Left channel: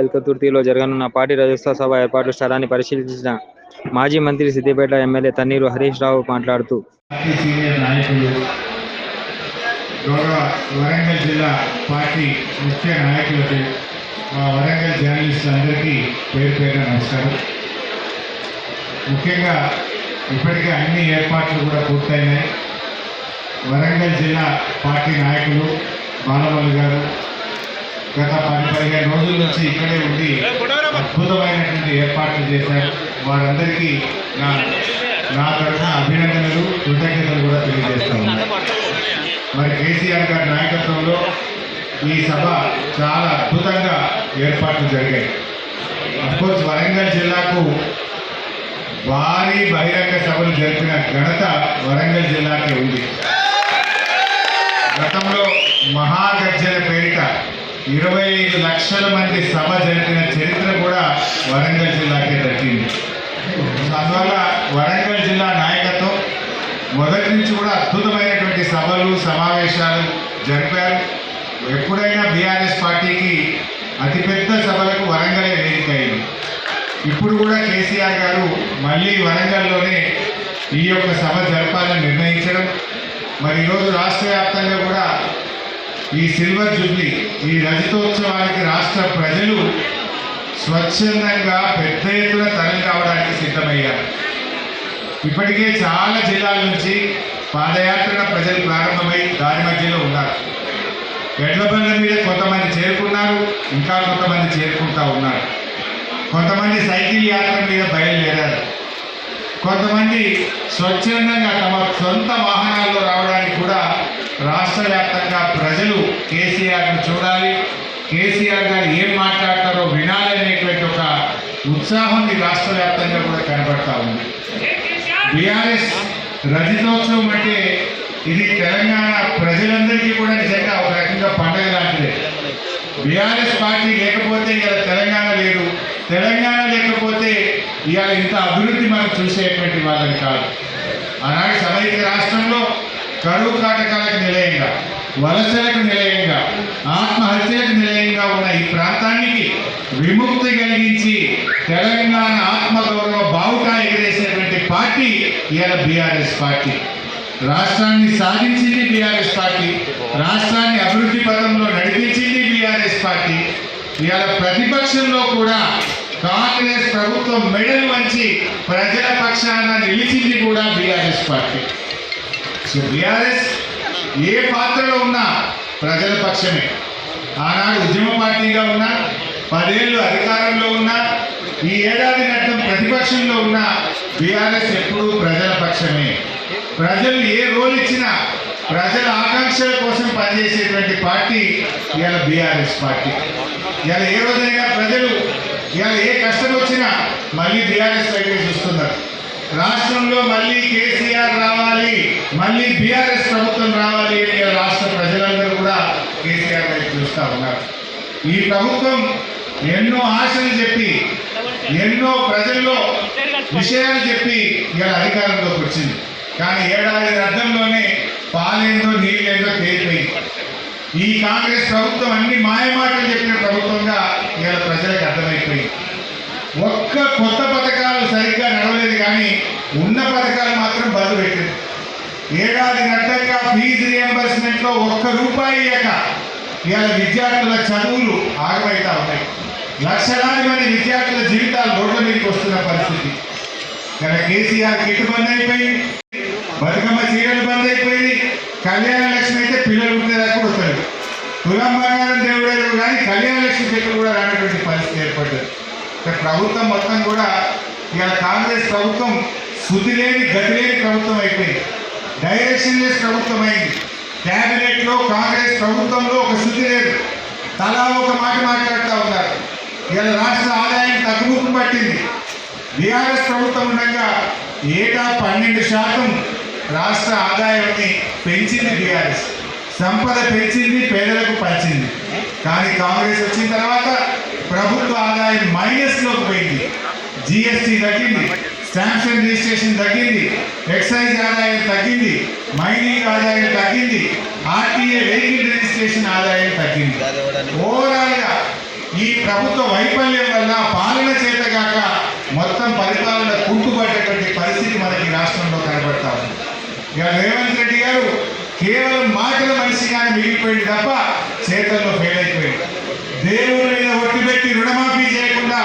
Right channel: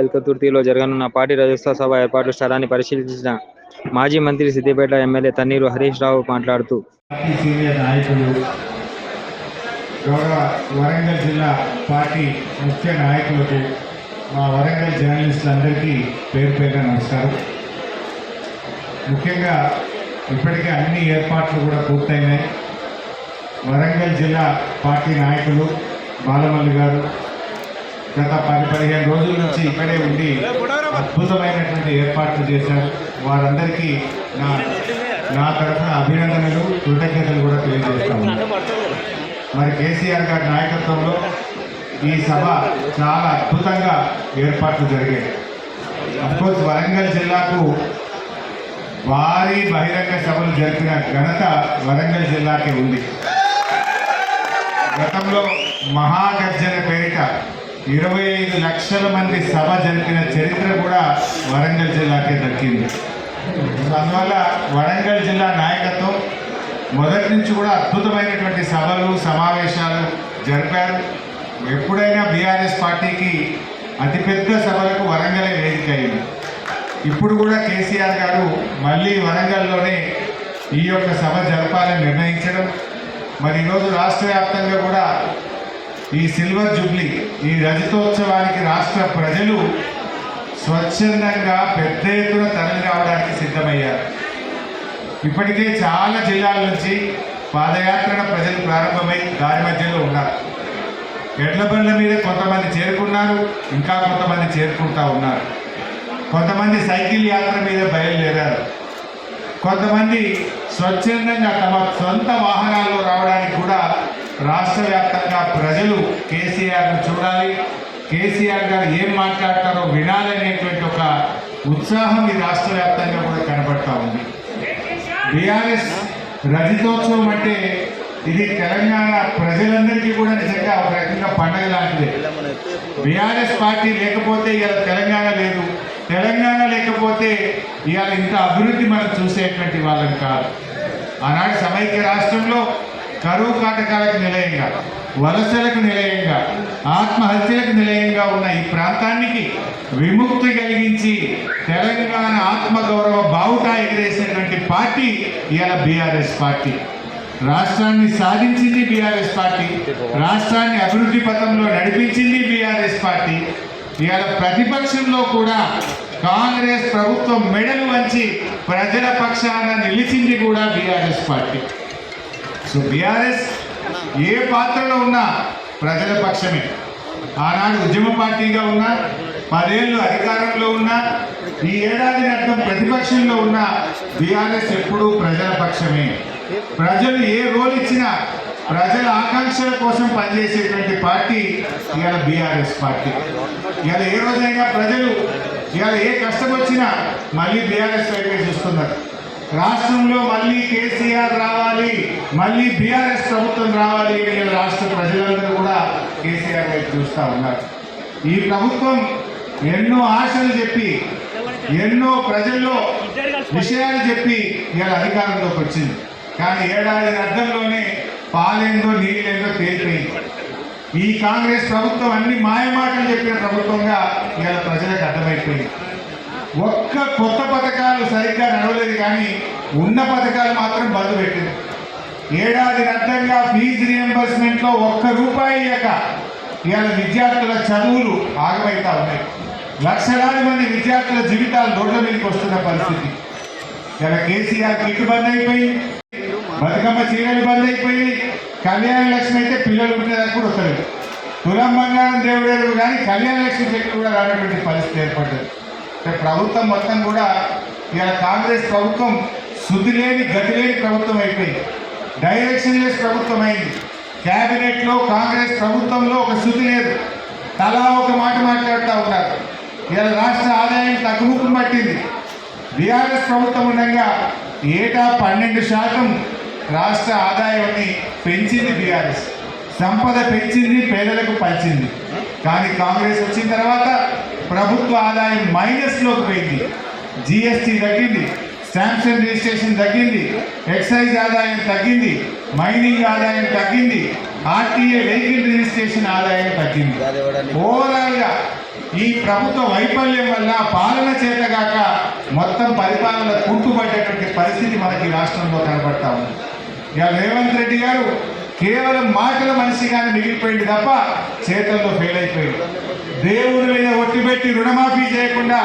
ఎల్కతుర్తిలో జరగనున్న పార్టీ రాజ్యస్థాయి సభ ఏర్పాట్ల స్థలాన్ని పరిశీలించిన మాజీ మంత్రి సిద్దిపేట ఎమ్మెల్యే తన్నీరు హరీష్ రావు మాట్లాడుతూ సీనియర్ నాయకులు గౌరవ వరంగల్ జిల్లా పార్టీ ముఖ్య నాయకులకు వరంగల్ జర్నలిస్టులందరికీ పేరు పేరున నమస్కారం. ముఖ్యంగా ఇప్పటికే అన్ని ఏర్పాట్లు కూడా పూర్తయినాయి. వరంగల్ జిల్లా పార్టీ నాయకులు బాలమల్లి గారు గత 10-15 రోజుల నుంచి ఇక్కడే ఉండి అద్భుతమైనటువంటి ఏర్పాట్లు చేశారు. వారందరికీ నా తరఫున అభినందనలు, కృతజ్ఞతలు కూడా తెలియజేస్తాను. మరి కేసీఆర్ గారి నాయకత్వంలో ఈ సభ చాలా అద్భుతంగా ఏర్పాట్లు జరిగాయి. అఫ్కోర్స్ వరంగల్ జిల్లాకు భారీ బహిరంగ సభలు జరిపిన ఘనత వరంగల్ జిల్లాకే ఉంది. గతంలో మహాగర్జన పేరిట 25 లక్షల మంది సభ జరిపిన చరిత్ర కూడా వరంగల్ జిల్లాకే దక్కింది. అందువల్ల వరంగల్ జిల్లా నాయకత్వం మొదటి నుంచి కూడా అద్భుతమైనటువంటి సభలు, సమావేశాలు జరిపారు. ఎప్పుడైనా బీఆర్ఎస్ పార్టీకి అతిపెద్ద సభలకు వరంగలే వేదిక అయింది. ఇప్పుడు కూడా కేసీఆర్ గారు మళ్ళీ వరంగల్లోనే ఈ యొక్క సభ జరపాలని నిర్ణయించడం, మరి ఈరోజు రాష్ట్ర వ్యాప్తంగా కూడా ఈ సిల్వర్ జూబ్లీ, ఈ రజతోత్సవానికి రాష్ట్ర ప్రజలు స్వచ్ఛందంగా పెద్ద ఎత్తున తరలి రావడానికి సిద్ధమయ్యారు. ఇప్పటికే చాలా జిల్లాల నుంచి పాదయాత్రల ప్రజలు ప్రారంభమై దారి మధ్యలో ఉన్నారు. ఎడ్ల బండ్ల మీద కొంతమంది చేరుకున్నారు, ఇంకా కొంతమంది చేరుకుంటా ఉన్నారు. కొంతమంది సైకిల్ యాత్ర మీద బయలుదేరారు. కొంతమంది స్వచ్ఛందంగా తమ సొంత వాహనాల్లో రావడానికి కూడా రాష్ట్ర వ్యాప్తంగా ప్రజలు కేసీఆర్ను చూడాలి, కేసీఆర్ గారు ఏం మాట్లాడతారో వినాలనేటువంటి ఒక ఉత్సాహం ఈ రాష్ట్ర వ్యాప్తంగా కూడా కనబడతా ఉంది. బీఆర్ఎస్ రజతోత్సవం అంటే ఇది తెలంగాణ ప్రజలందరికీ కూడా నిజంగా ఒక రకంగా పండగ లాంటిదే. బీఆర్ఎస్ పార్టీ లేకపోతే ఇవాళ తెలంగాణ లేదు, తెలంగాణ లేకపోతే ఇవాళ ఇంత అభివృద్ధి మనం చూసేటువంటి వాళ్ళని కాదు. ఆనాడు సమైక్య రాష్ట్రంలో కరువు కాటకాలకు నిలయంగా, వలసలకు నిలయంగా, ఆత్మహత్యలకు నిలయంగా ఉన్న ఈ ప్రాంతానికి విముక్తి కలిగించి తెలంగాణ ఆత్మగౌరవ బావుటా ఎగిరేసినటువంటి పార్టీ ఇవాళ బీఆర్ఎస్ పార్టీ. రాష్ట్రాన్ని సాధించింది బీఆర్ఎస్ పార్టీ, రాష్ట్రాన్ని అభివృద్ధి పథంలో నడిపించింది బీఆర్ఎస్ పార్టీ. ఇవాళ ప్రతిపక్షంలో కూడా కాంగ్రెస్ ప్రభుత్వం మెడలు వంచి ప్రజల పక్షాన నిలిచింది కూడా బీఆర్ఎస్ పార్టీ. సో బీఆర్ఎస్ ఏ పాత్రలో ఉన్నా ప్రజల పక్షమే. ఆనాడు ఉద్యమ పార్టీగా ఉన్నా, 10 ఏళ్ళు అధికారంలో ఉన్నా, ఈ ఏడాది అర్థం ప్రతిపక్షంలో ఉన్న బీఆర్ఎస్ ఎప్పుడూ ప్రజల పక్షమే. ప్రజలు ఏ రోల్ ఇచ్చినా ప్రజల ఆకాంక్షల కోసం పనిచేసేటువంటి పార్టీ ఇవాళ బీఆర్ఎస్ పార్టీ. ఇవాళ ఏ రోజైనా ప్రజలు ఇవాళ ఏ కష్టం వచ్చినా మళ్ళీ బీఆర్ఎస్ వైపు చూస్తున్నారు. రాష్ట్రంలో మళ్ళీ కేసీఆర్ రావాలి, మళ్ళీ బీఆర్ఎస్ ప్రభుత్వం రావాలి అని రాష్ట్ర ప్రజలందరూ కూడా కేసీఆర్ వైపు చూస్తూ ఉన్నారు. ఈ ప్రభుత్వం ఎన్నో ఆశలు చెప్పి, ఎన్నో ప్రజల్లో విషయాలు చెప్పి ఇవాళ అధికారంలోకి వచ్చింది. కానీ ఏడాది అర్థంలోనే పాలేందో నీళ్ళేందో తేలిపోయింది. ఈ కాంగ్రెస్ ప్రభుత్వం అన్ని మాయమాటలు చెప్పిన ప్రభుత్వంగా ఇవాళ ప్రజలకు అర్థమైపోయింది. ఒక్క కొత్త పథకాలు సరిగ్గా నడవలేదు, కానీ ఉన్న పథకాలు మాత్రం బంద్ పెట్టింది. ఏడాది అర్థంగా ఫీజు రియంబర్స్మెంట్లో ₹1 ఇయ్యక ఇవాళ విద్యార్థుల చదువులు ఆగమైతా ఉన్నాయి. లక్షలాది మంది విద్యార్థుల జీవితాలు రోడ్ల మీదకి వస్తున్న పరిస్థితి. ఇలా కేసీఆర్ కిట్ బంద్ అయిపోయింది, బతుకమ్మ చీరలు బంద్ అయిపోయింది, కళ్యాణ లక్ష్మి అయితే పిల్లలు ఉండేదాకా కూడా వస్తారు. తులం బంగారం దేవుడేరు, కానీ కళ్యాణ లక్ష్మి చెట్లు కూడా రానటువంటి పరిస్థితి ఏర్పడ్డది. ప్రభుత్వం మొత్తం కూడా ఇవాళ కాంగ్రెస్ ప్రభుత్వం శుద్ధి లేని, గతి లేని ప్రభుత్వం అయిపోయింది. డైరెక్షన్ లెస్ ప్రభుత్వం అయింది. క్యాబినెట్లో కాంగ్రెస్ ప్రభుత్వంలో ఒక శుద్ధి లేదు, తలా ఒక మాట మాట్లాడుతూ ఉన్నారు. ఇవాళ రాష్ట్ర ఆదాయం తగ్గుముఖం పట్టింది. బీఆర్ఎస్ ప్రభుత్వం ఉండగా ఏటా 12% రాష్ట్ర ఆదాయాన్ని పెంచింది బీఆర్ఎస్. సంపద పెంచింది, పేదలకు పంచింది. కానీ కాంగ్రెస్ వచ్చిన తర్వాత ప్రభుత్వ ఆదాయం మైనస్లోకి పోయింది. జిఎస్టీ తగ్గింది, స్టాంప్స్ అండ్ రిజిస్ట్రేషన్ తగ్గింది, ఎక్సైజ్ ఆదాయం తగ్గింది, మైనింగ్ ఆదాయం తగ్గింది, ఆర్టీఏ వెహికల్ రిజిస్ట్రేషన్ ఆదాయం తగ్గింది. ఓవరాల్గా ఈ ప్రభుత్వ వైఫల్యం వల్ల పాలన చేతగాక మొత్తం పరిపాలన కుంటుపడ్డటువంటి పరిస్థితి మనకి రాష్ట్రంలో కనబడతా ఉంది. ఇక రేవంత్ రెడ్డి గారు కేవలం మాటల మనిషిగానే మిగిలిపోయింది తప్ప చేతుల్లో ఫెయిల్ అయిపోయింది. దేవుళ్ళ మీద ఒట్టిపెట్టి రుణమాఫీ చేయకుండా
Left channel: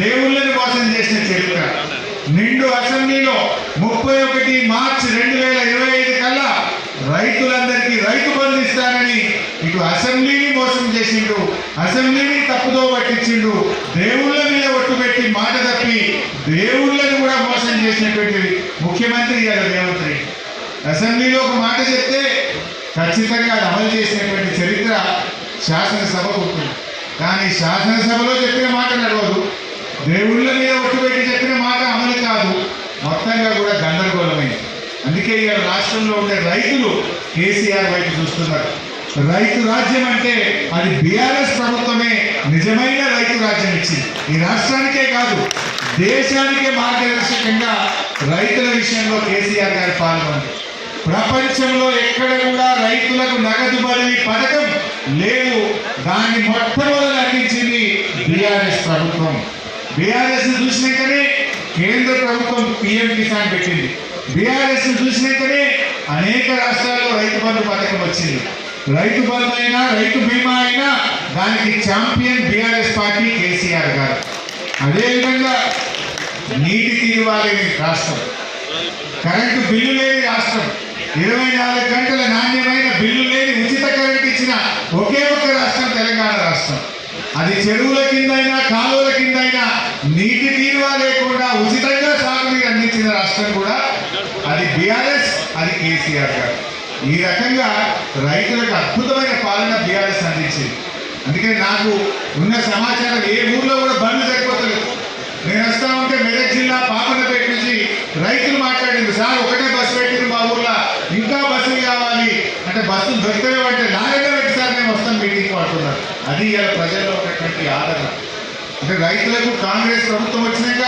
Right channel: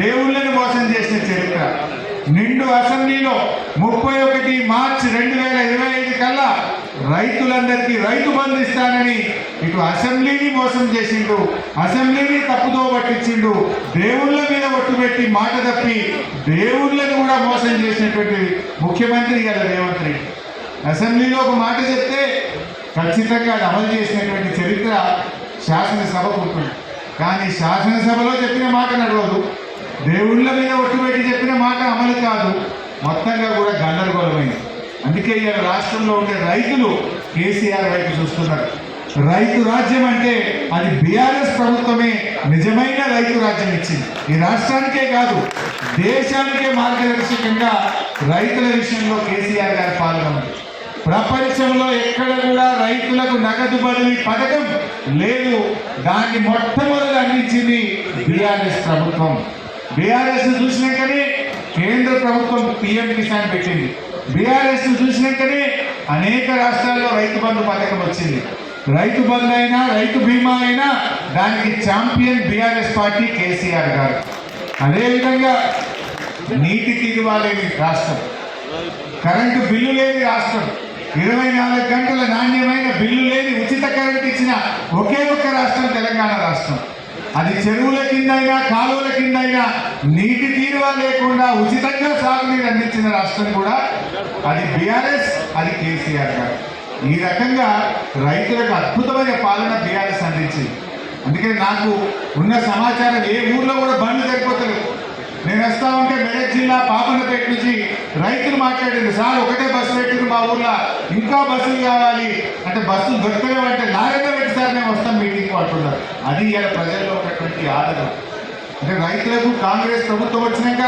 దేవుళ్ళని మోసం చేసిన చరిత్ర. నిండు అసెంబ్లీలో 31 మార్చి 2025 కల్లా రైతులందరికీ రైతు బంధు ఇస్తానని ఇటు అసెంబ్లీని మోసం చేసిండు, అసెంబ్లీని తప్పుదో పట్టించిండు. దేవుళ్ళ మీద ఒట్టుపెట్టి మాట తప్పి దేవుళ్ళని కూడా మోసం చేసినటువంటి ముఖ్యమంత్రి గారు రేవంత్ రెడ్డి. అసెంబ్లీలో ఒక మాట చెప్తే ఖచ్చితంగా అది అమలు చేసినటువంటి చరిత్ర శాసనసభకు ఉంటుంది. కానీ శాసనసభలో చెప్పిన మాట నడవదు, దేవుళ్ళ మీద ఒట్టుపెట్టి చెప్పిన మాట అమలు కాదు. మొత్తంగా కూడా గందరగోళమైంది. అందుకే ఇవాళ రాష్ట్రంలో ఉండే రైతులు కేసీఆర్ వైపు చూస్తున్నారు. రైతు రాజ్యం అంటే అది బీఆర్ఎస్ ప్రభుత్వమే నిజమైన రైతు రాజ్యం ఇచ్చింది. ఈ రాష్ట్రానికే కాదు దేశానికే మార్గదర్శకంగా రైతుల విషయంలో కేసీఆర్ గారి పాలన ఉంది. ప్రపంచంలో ఎక్కడ కూడా రైతులకు నగదు బదిలీ పథకం లేదు. దాన్ని మొట్టమొదటి అందించింది బీఆర్ఎస్ ప్రభుత్వం. బీఆర్ఎస్ చూసినాకనే కేంద్ర ప్రభుత్వం పిఎం కిసాన్ పెట్టింది. బీఆర్ఎస్ చూసినాకనే అనేక రాష్ట్రాల్లో రైతు బంధు పథకం వచ్చింది. రైతు బంధు అయినా రైతు బీమా అయినా దానికి ఛాంపియన్ బీఆర్ఎస్ పార్టీ కేసీఆర్ గారు. అదేవిధంగా నీటి తీరువా లేని రాష్ట్రం, కరెంటు బిల్లు లేని రాష్ట్రం, 24 గంటల నాణ్యమైన బిల్లు లేని ఉచిత కరెంట్ ఇచ్చిన ఒకే ఒక్క రాష్ట్రం తెలంగాణ రాష్ట్రం. అది చెరువుల కింద అయినా కాలువల కింద అయినా నీటి తీరువా లేకుండా ఉచితంగా సాగునీరు అందించిన రాష్ట్రం కూడా అది బీఆర్ఎస్, అది కేసీఆర్ గారు. ఈ రకంగా రైతులకు అద్భుతమైన పాలన బీఆర్ఎస్ అందించింది. అందుకే నాకు ఉన్న సమాచారం ఏ ఊర్లో కూడా బండ్లు సరిపోతలేదు. నేను వస్తా ఉంటే మెదక్ జిల్లా పాపన్నపేట నుంచి రైతులు మాట్లాడింది, సార్ ఒకటే బస్సు పెట్టింది మా ఊర్లో, ఇంకా బస్సులు కావాలి అంటే బస్సులు దొరకలేవంటే లాగనే పెట్టి సార్ మేము వస్తాం మీటింగ్ అంటున్నారు. అది ఇలా ప్రజల్లో ఉన్నటువంటి ఆదరణ. అంటే రైతులకు కాంగ్రెస్ ప్రభుత్వం వచ్చినాక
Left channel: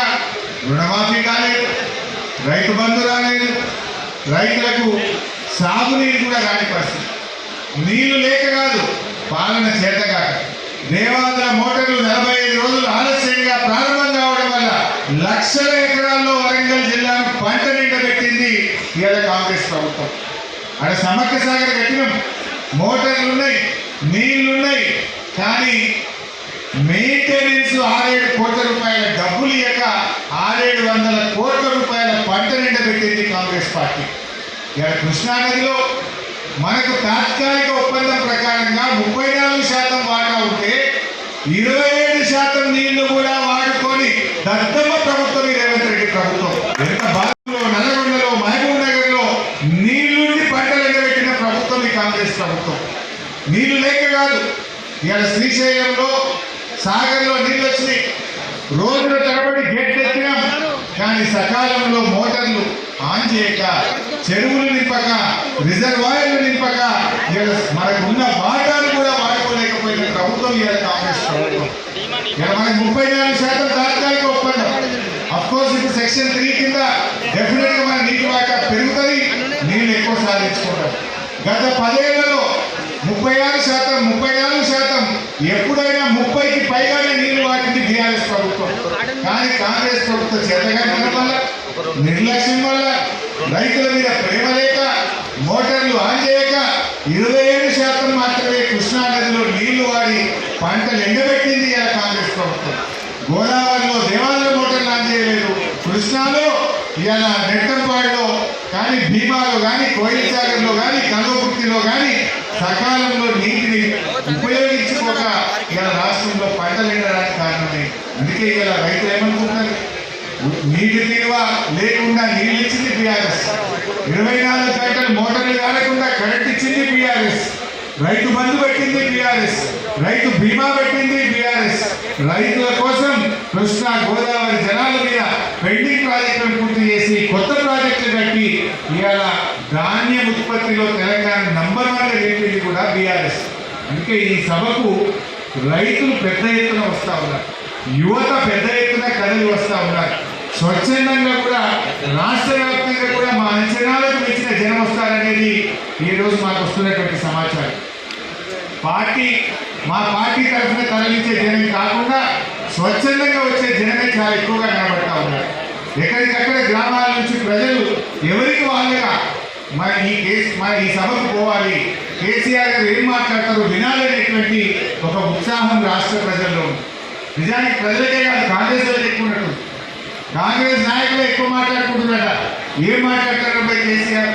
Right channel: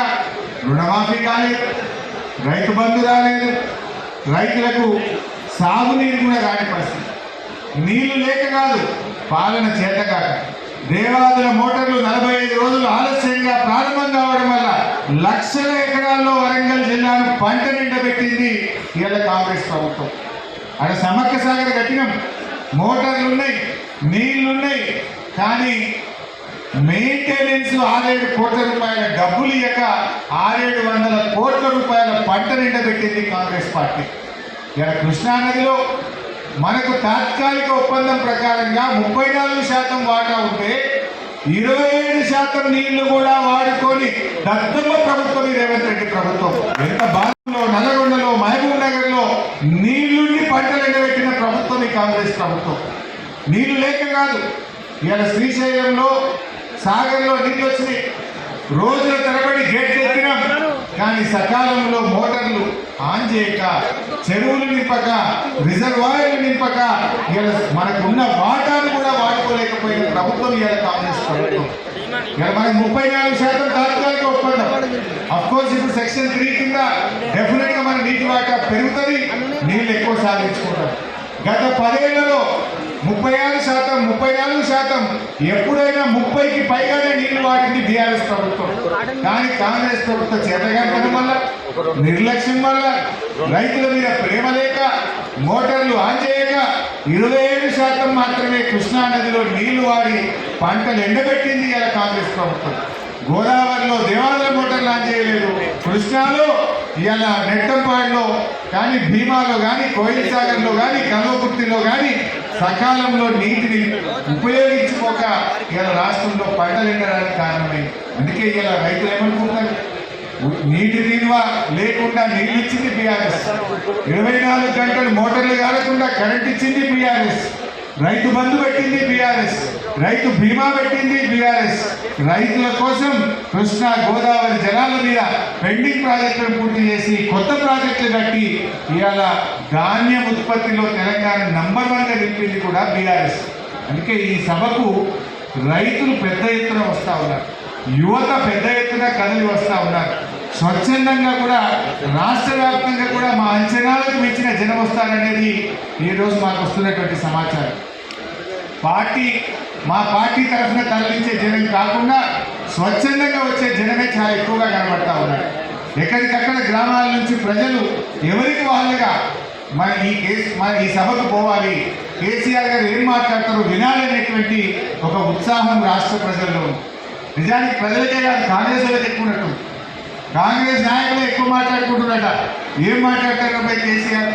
రుణమాఫీ కాలేదు, రైతు బంధు రాలేదు, రైతులకు సాగునీరు కూడా రాని పరిస్థితి. నీళ్లు లేక కాదు, పాలన చేతగాక. దేవాదుల మోటార్లు 45 రోజులు ఆలస్యంగా ప్రారంభం కావడం వల్ల లక్షల ఎకరాల్లో వరంగల్ జిల్లాను పంట నిండబెట్టింది ఇవాళ కాంగ్రెస్ ప్రభుత్వం. అక్కడ సమ్మక్క సాగర్ కట్టినాం, మోటార్లు ఉన్నాయి, నీళ్లున్నాయి, కానీ మెయింటెనెన్స్ 6-7 కోట్ల రూపాయల డబ్బులు ఇయ్యక 600-700 కోట్ల రూపాయల పంట నిండబెట్టింది కాంగ్రెస్ పార్టీ. ఇలా కృష్ణానదిలో మనకు తాత్కాలిక ఒప్పందం ప్రకారంగా 34% వాటా ఉంటే 27% నీళ్లు కూడా వాడుకొని దత్తమ్మ ప్రభుత్వం రేవంత్ రెడ్డి ప్రభుత్వం. ఎంత భారతంలో నల్లగొండలో మహబూబ్ నగర్లో నీళ్లుండి పంటలు ఎండబెట్టిన ప్రభుత్వం ఈ కాంగ్రెస్ ప్రభుత్వం. నీళ్లు లేక కాదు, ఇవాళ శ్రీశైలంలో సాగర్లో నీళ్ళు వచ్చినాయి, రోజుల తరబడి గేట్లు ఎక్కినాం, కానీ సకాలంలో మోటార్లు ఆన్ చేయక, చెరువులు నింపక, రిజర్వాయర్లు నింపక మనకున్న వాటాలు కూడా వాడుకోలేకపోయిన ప్రభుత్వం ఇవాళ కాంగ్రెస్ ప్రభుత్వం. ఇలా మనకు 34% తాత్కాలిక ఒప్పందం. అఫ్కోర్స్ ఇప్పుడు సెక్షన్ 3 కింద డెఫినెట్ గా మన నీటి వాటా పెరుగుతుంది, నీళ్ళు ఎక్కువ సాధించుకుంటాం. గత 10 ఏళ్లలో 34% ఎప్పుడైనా 30కి పైగానే నీళ్లు వాడింది బీఆర్ఎస్ ప్రభుత్వం. కానీ కాంగ్రెస్ ప్రభుత్వం చేతగాని వల్ల, నిర్లక్ష్యం వల్ల, రైతుల మీద ప్రేమ లేక, మోటార్లు ఆన్ చేయక 27% మాత్రమే కృష్ణా నదిలో నీళ్లు వాడి పంటలు ఎండబెట్టింది ఇలా కాంగ్రెస్ ప్రభుత్వం. గోదావరిలో దేవాలయ మోటార్లు ఆన్ చేయలేదు, కృష్ణాలో ఇవాళ నెట్టంపాడులో కానీ, భీమాలో కానీ, కోయిల్ సాగర్లో కానీ, కల్వకుర్తిలో కానీ సకాలంలో నీటిని ఉపయోగించుకోక ఇలా రాష్ట్రంలో పంటలు ఎండడానికి కారణమే. అందుకే ఇలా రైతులు ఏమనుకుంటారు, నీటి తీరువ లేకుండా నీళ్ళు ఇచ్చింది బీఆర్ఎస్, 24 గంటలు మోటార్లు కాలేకుండా కరెంట్ ఇచ్చింది బీఆర్ఎస్, రైతు బంధు పెట్టింది బీఆర్ఎస్, రైతు బీమా పెట్టింది బీఆర్ఎస్. రైతుల కోసం కృష్ణా గోదావరి జలాల మీద పెండింగ్ ప్రాజెక్టులను పూర్తి చేసి కొత్త ప్రాజెక్టులు కట్టి ఇవాళ ధాన్యం ఉత్పత్తిలో తెలంగాణ నంబర్ 1గా నిలిపింది కూడా బీఆర్ఎస్. అందుకే ఈ సభకు రైతులు పెద్ద ఎత్తున వస్తూ ఉన్నారు, యువత పెద్ద ఎత్తున కదలి వస్తూ ఉన్నారు. స్వచ్ఛందంగా కూడా రాష్ట్ర వ్యాప్తంగా కూడా మా అంచనాలకు మించిన జనం వస్తారనేది ఈరోజు మాకు వస్తున్నటువంటి సమాచారం. పార్టీ మా పార్టీ తరఫున తరలించే జనం కాకుండా స్వచ్ఛందంగా వచ్చే జనమే చాలా ఎక్కువగా కనబడతా ఉన్నారు. ఎక్కడికక్కడ గ్రామాల నుంచి ప్రజలు ఎవరికి వాళ్ళుగా మరి ఈ సభకు పోవాలి, కేసీఆర్ గారు ఏం మాట్లాడతారో వినాలనేటువంటి ఒక ఉత్సాహం రాష్ట్ర ప్రజల్లో ఉంది. నిజానికి ప్రజలకే కాదు, కాంగ్రెస్ వాళ్ళకి ఎక్కువ ఉన్నట్టు. కాంగ్రెస్ నాయకులు ఎక్కువ మాట్లాడుకుంటున్నారట. ఏం మాట్లాడతారబ్బా కేసీఆర్,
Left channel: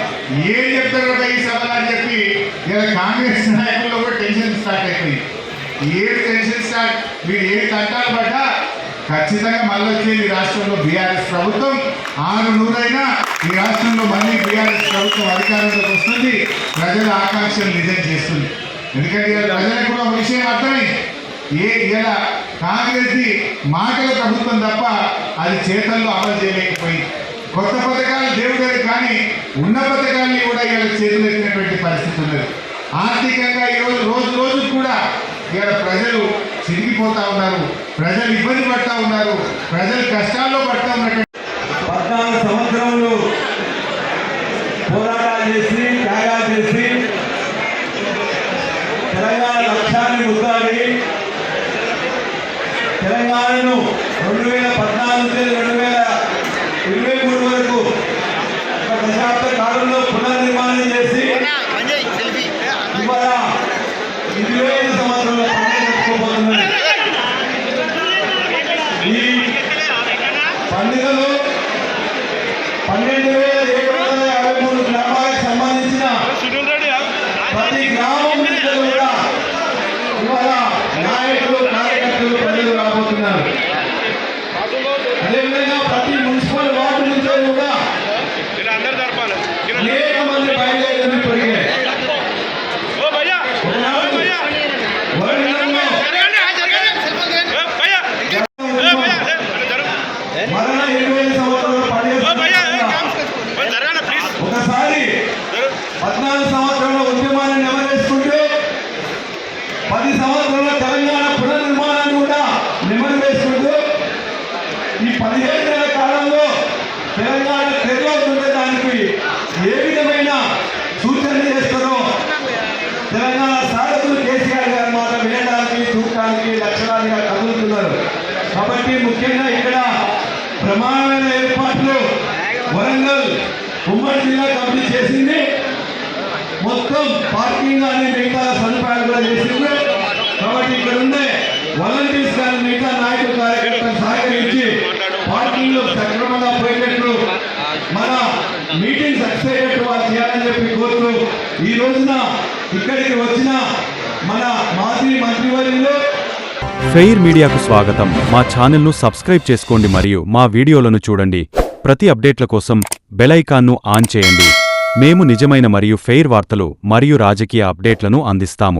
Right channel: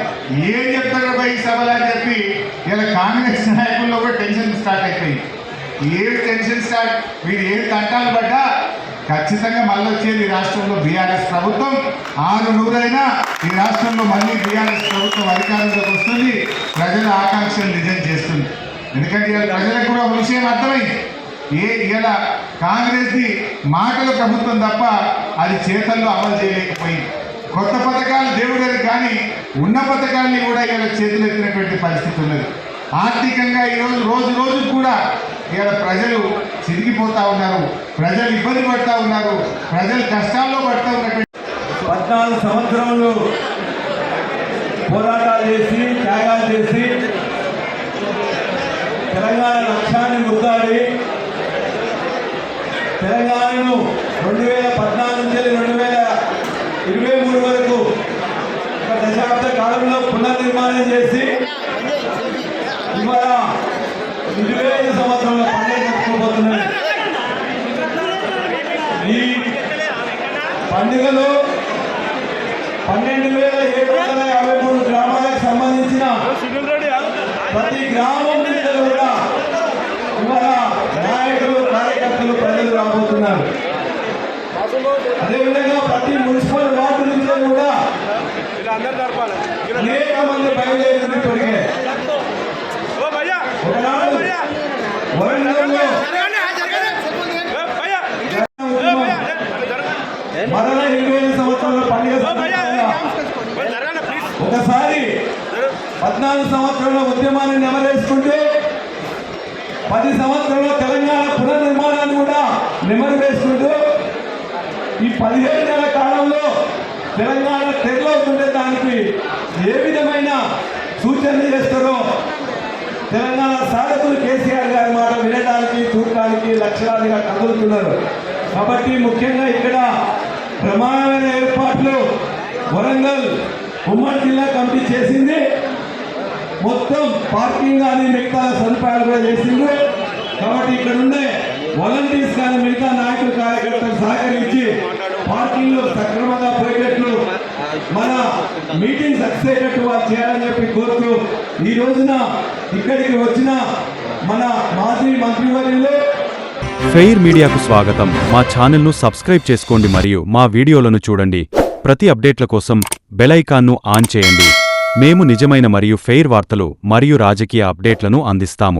ఏం చెప్తారబ్బా ఈ సభలు అని చెప్పి ఇలా కాంగ్రెస్ నాయకుల్లో కూడా టెన్షన్ స్టార్ట్ అయిపోయింది. ఏం టెన్షన్ స్టార్ట్, మీరు ఏం తంటాలు పడ్డా ఖచ్చితంగా మళ్ళీ వచ్చేది ఈ రాష్ట్రంలో బీఆర్ఎస్ ప్రభుత్వం. 600 ఈ రాష్ట్రంలో మళ్ళీ బీఆర్ఎస్ ప్రభుత్వం అధికారంలోకి వస్తుంది, ప్రజల ఆకాంక్షలు నిజం చేస్తుంది. ఎందుకంటే ఇలా ప్రజలకు కూడా ఒక విషయం అర్థమైంది, ఇలా కాంగ్రెస్ది మాటల ప్రభుత్వం తప్ప అది చేతల్లో అమలు చేయలేకపోయింది. కొత్త పథకాలు దేవుడేది కానీ ఉన్న పథకాల్ని కూడా ఇలా చేతులు ఎత్తినటువంటి పరిస్థితి ఉన్నది. ఆర్థికంగా ఈరోజు రోజు కూడా ఇలా ప్రజలు చిరిగిపోతా ఉన్నారు, ప్రజలు ఇబ్బంది పడతా ఉన్నారు, ప్రజలు కష్టాల్లో పడుతూ ఉన్నటువంటి 14 సంవత్సరంలో పోరాటాలు చేసి త్యాగాలు చేసి తెలంగాణ లక్ష్యాన్ని ముద్దాడి తెలంగాణను 2014 నుంచి 2023 వరకు ఒక దశాబ్ద కాలంలో పునర్నిర్మాణం చేసి ఇవాళ 25 సంవత్సరంలో పండుగ జరుపుకోబోతున్నది. ఈ పండుగలో 12,753 గ్రామాలకు సంబంధించిన ప్రతి గ్రామం నుంచి కూడా ఇవాళ నాయకులు, కార్యకర్తలు, ప్రజలు రాబోతున్నారు. అదేవిధంగా ప్రతి మున్సిపల్ వార్డు నుంచి కూడా అనేక మంది బయలుదేరి పెరిగాయి. వరంగల్లో మరణ 25 సంవత్సరాల పండుగ ఒకసారి 14 సంవత్సరాల ఉద్యమాన్ని నెమరేసుకుంటూ 10 సంవత్సరాల తెలంగాణ పునర్నిర్మాణాన్ని కూడా నెమరేసుకుంటూ ఈ 15 నెలల కాలంలో తెలంగాణ తెరలవుతుండే దానికి ఏ విధమైన సూచనలు చేస్తారో తెలంగాణ సాధకులు కేసీఆర్ గారు మాత్రం వినడానికి, చూడటానికి లక్షలాదిగా కదులుతున్నారు. కాబట్టి ముఖ్యంగా ఇక్కడ ప్రమాణమైన ఏర్పాట్లు వరంగల్ ఉమ్మడి జిల్లా కమిటీ చేసింది. మొత్తం పార్కింగ్ కానీ మిగతా సదుపాయాలు కూడా చేసింది. కాబట్టి ఇక్కడ ఉండే వాలంటీర్స్ కానీ మిగతా నాయకులు, కార్యకర్తలు సహకరించి పార్కింగ్లు సక్రమంగా పోయేటట్లు, మన మీటింగ్ సక్సెస్ అయ్యేటట్టు వాళ్ళు చేయాలని చెప్పి కోరుతూ ఈ రోజున ఇక్కడికి వచ్చిన మన మాజీ మంత్రివర్యులు ఫెయిర్ మీడియాకు స్వాగతం. మా ఛానల్ను సబ్స్క్రైబ్ చేసుకోండి మరియు మా వీడియోలను చూడండి. ప్రతి అప్డేట్ల కోసం బెల్ ఐకాన్ను ఆన్ చేయండి. మేము నిజమైన మరియు ఫెయిర్ వార్తలు మరియు రాజకీయ అప్డేట్లను అందిస్తాము.